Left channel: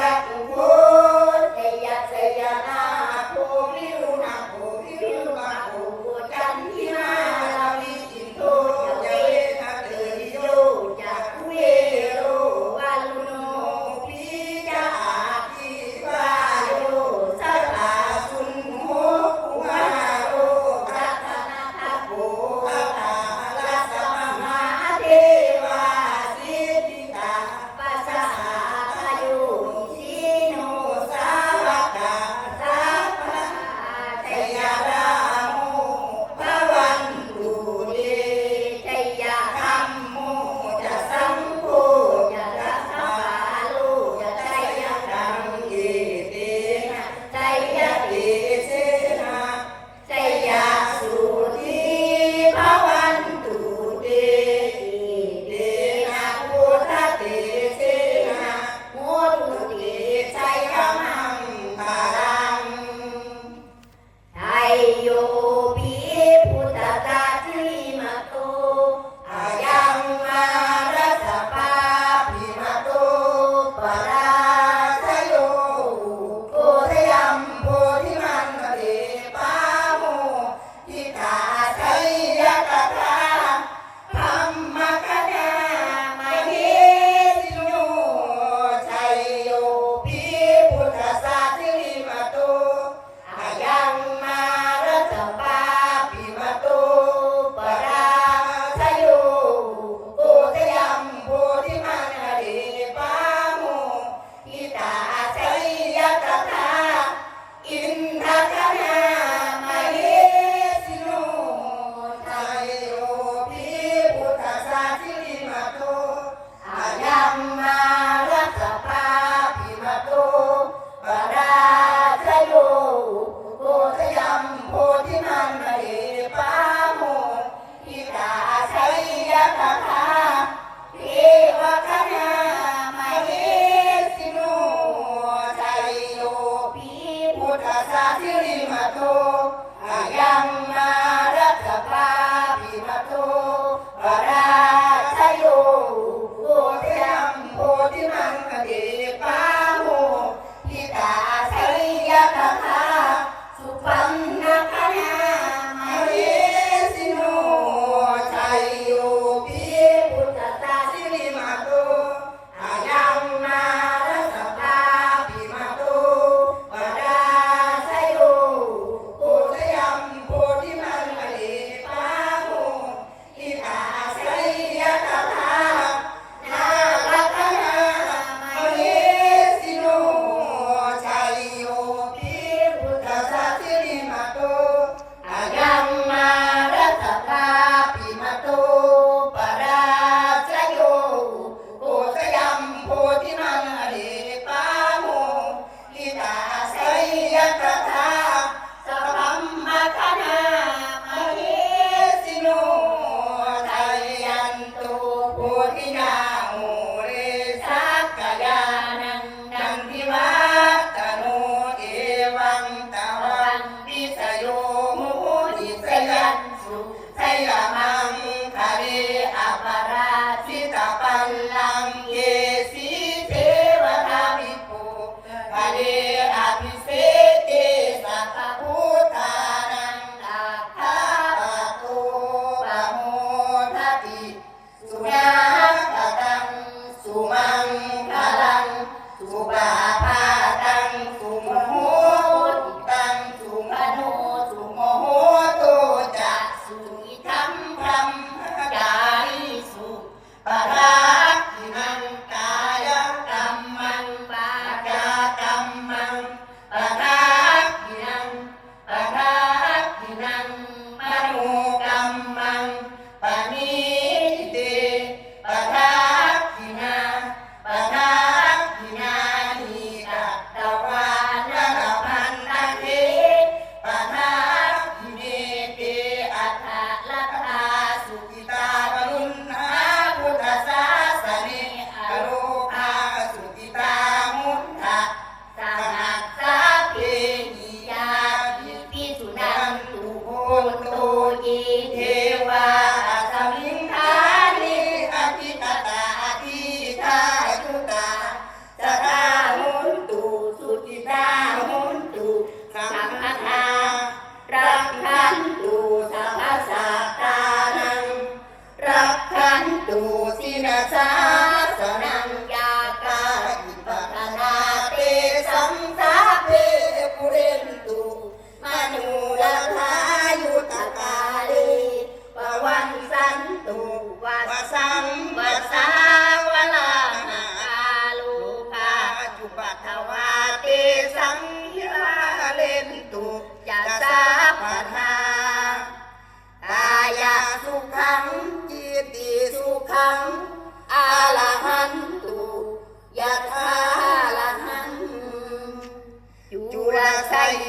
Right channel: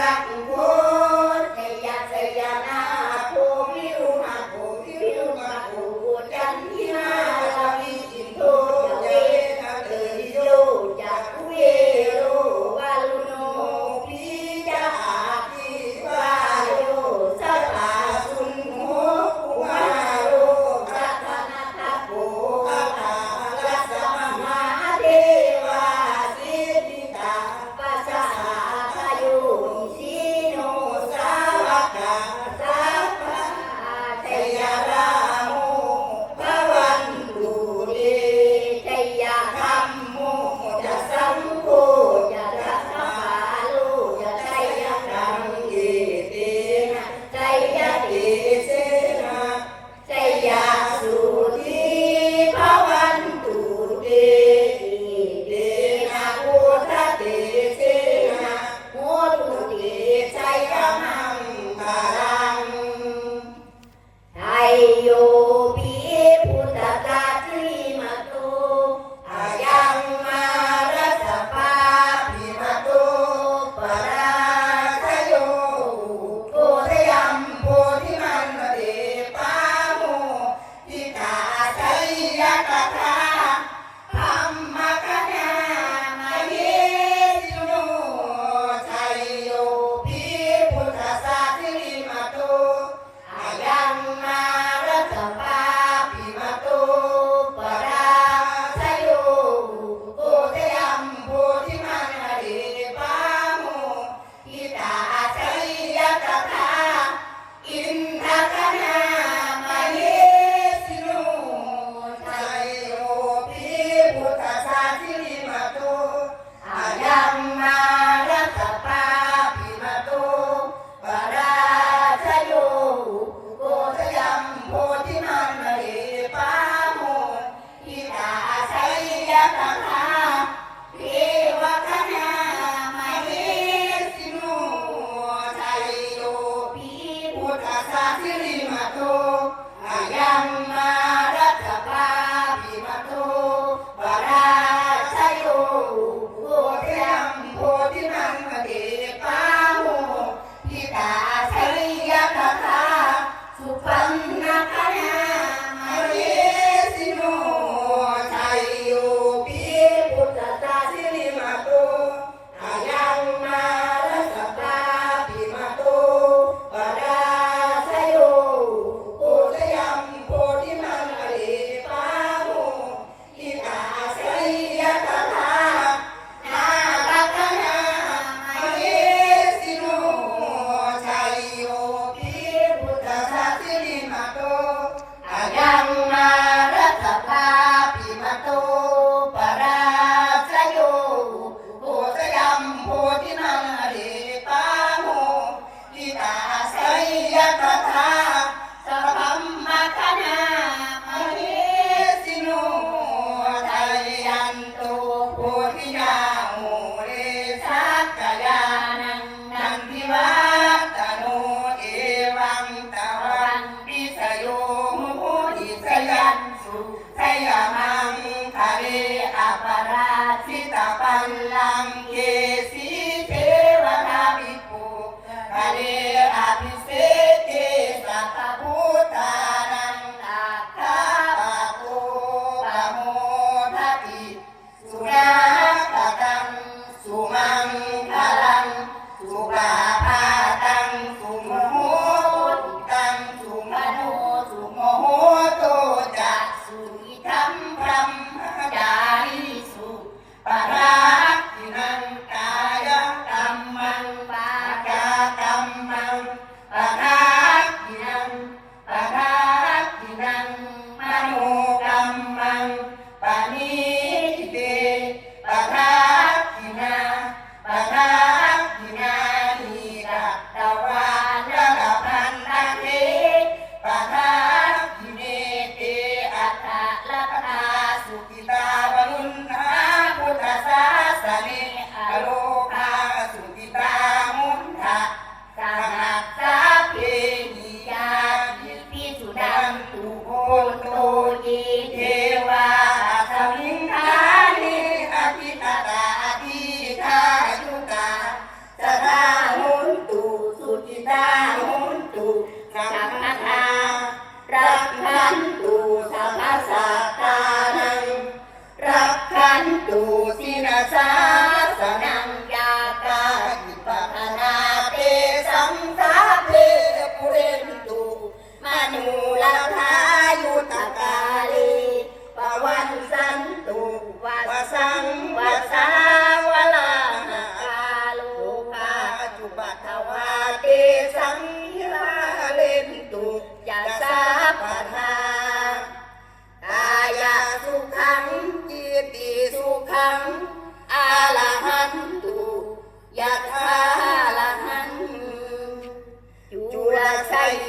สุ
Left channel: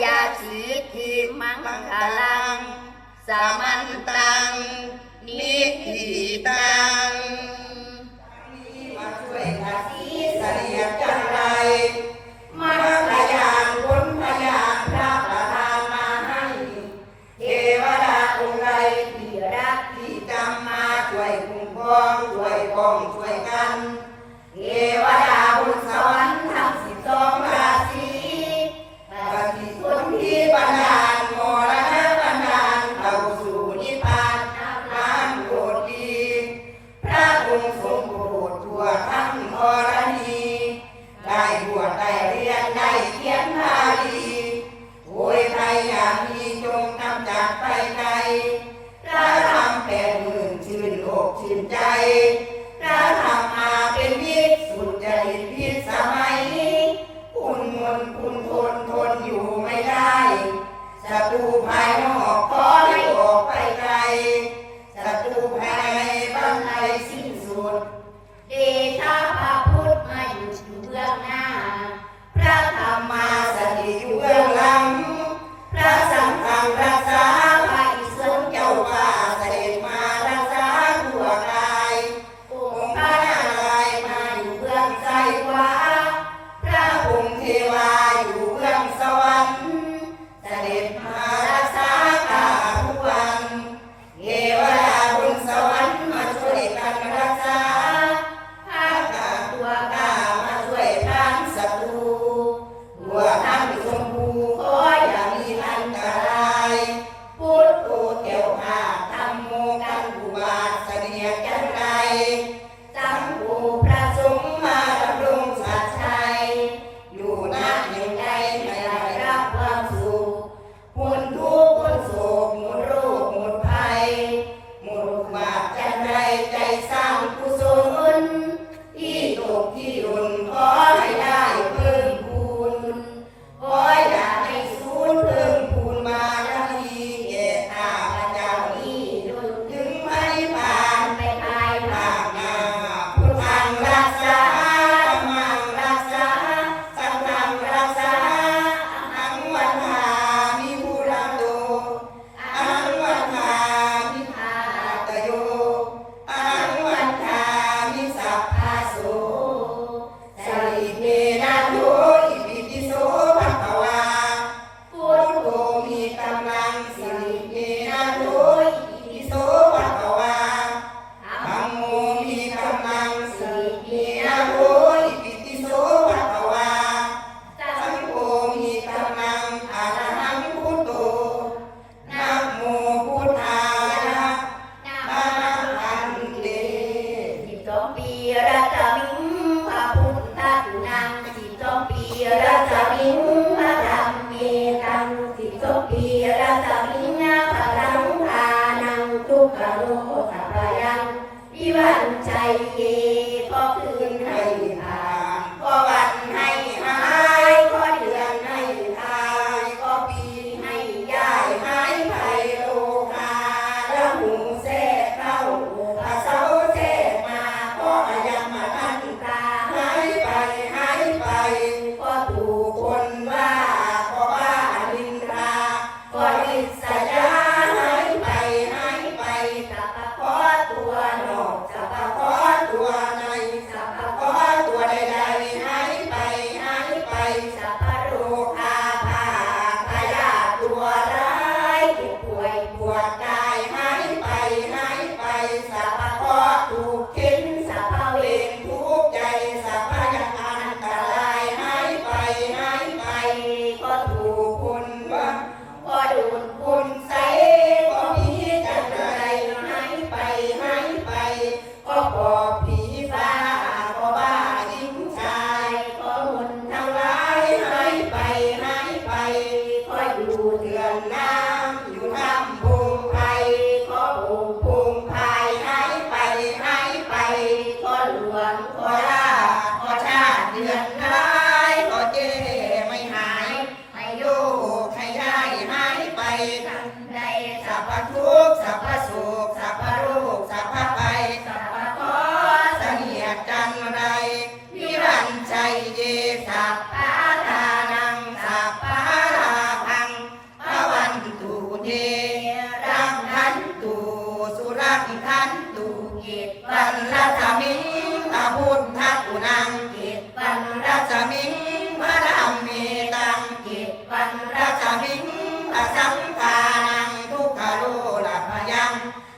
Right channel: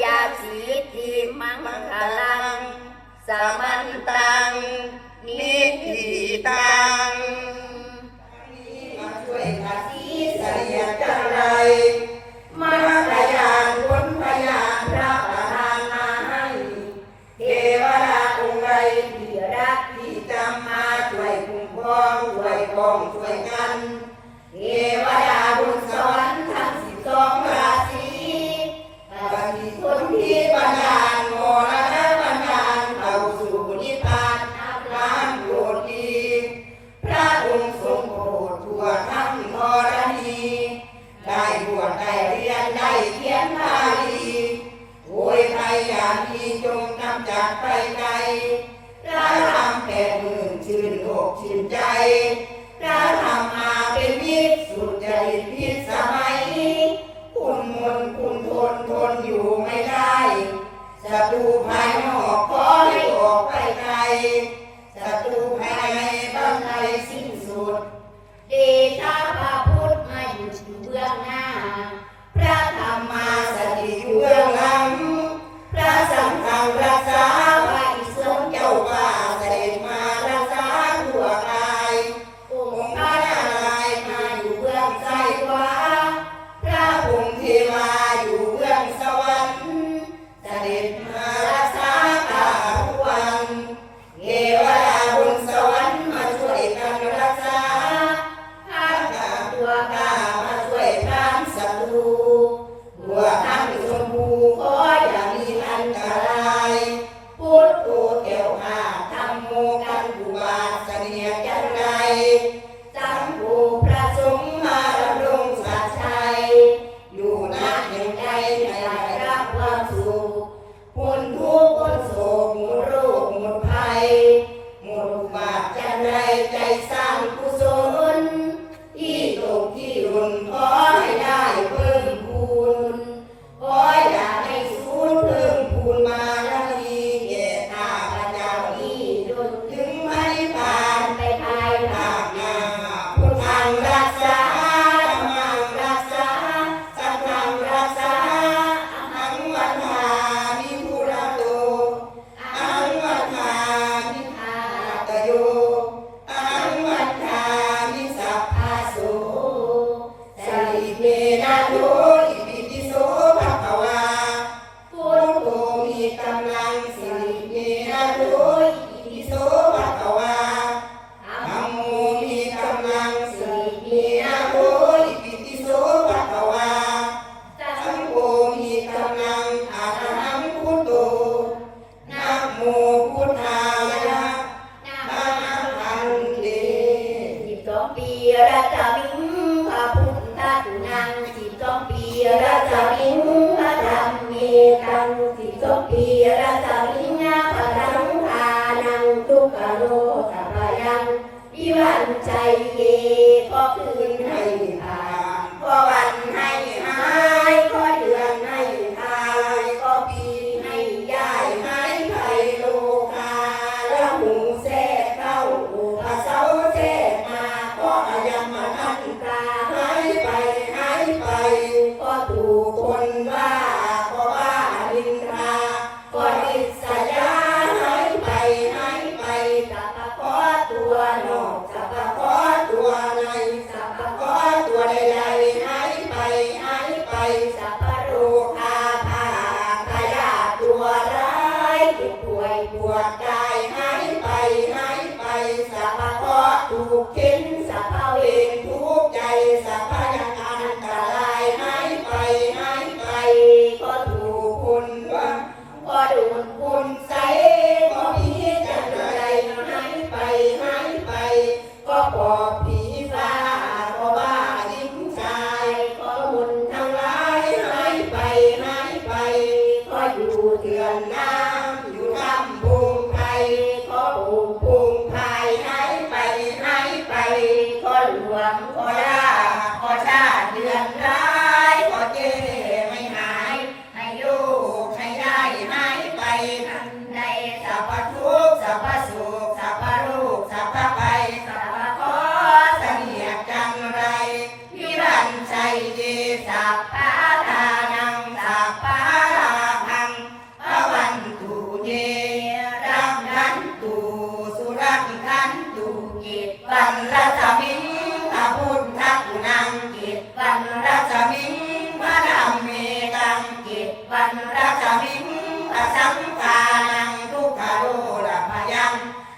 ชัย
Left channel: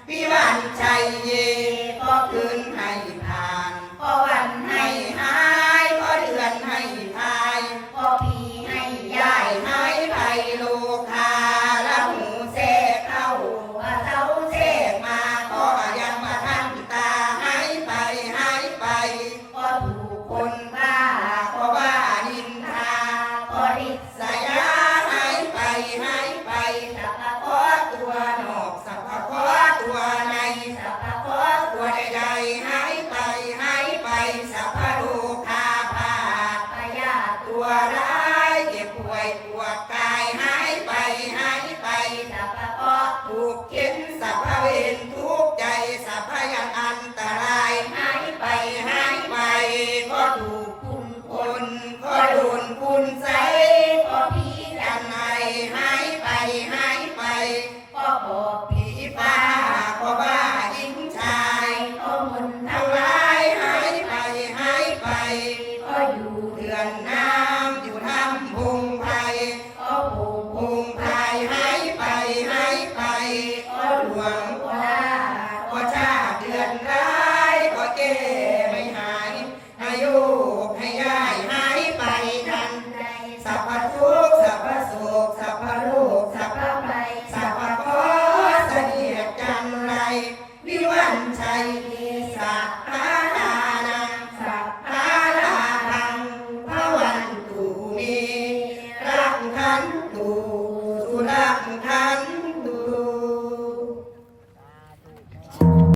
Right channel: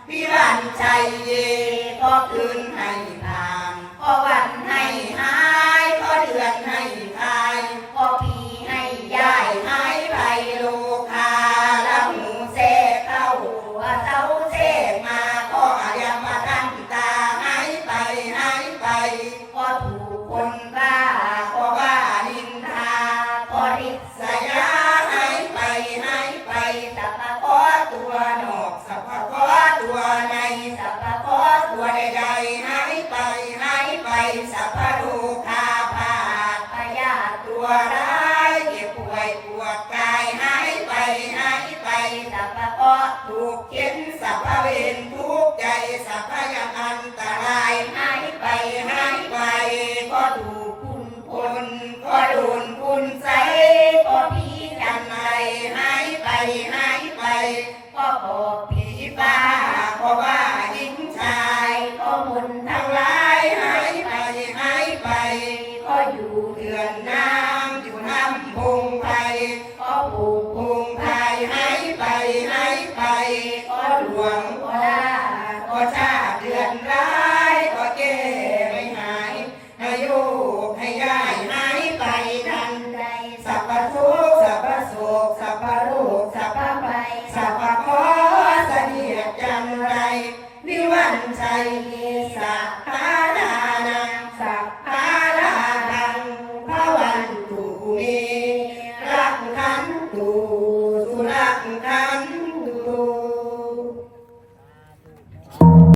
พี่วันชัยเยก็คืนให้ทานก็วันให้หายก็เดือนให้ทายก็พีให้ยายหายไปโลคาลังหูเสกเข้าว่าเจ้าเสกมาก็ยังมาทันตาหายไปหายไป ก็ถูกคนบ้าก็ว่านินทาก็ริษยาหายไปหายไปแต่ก็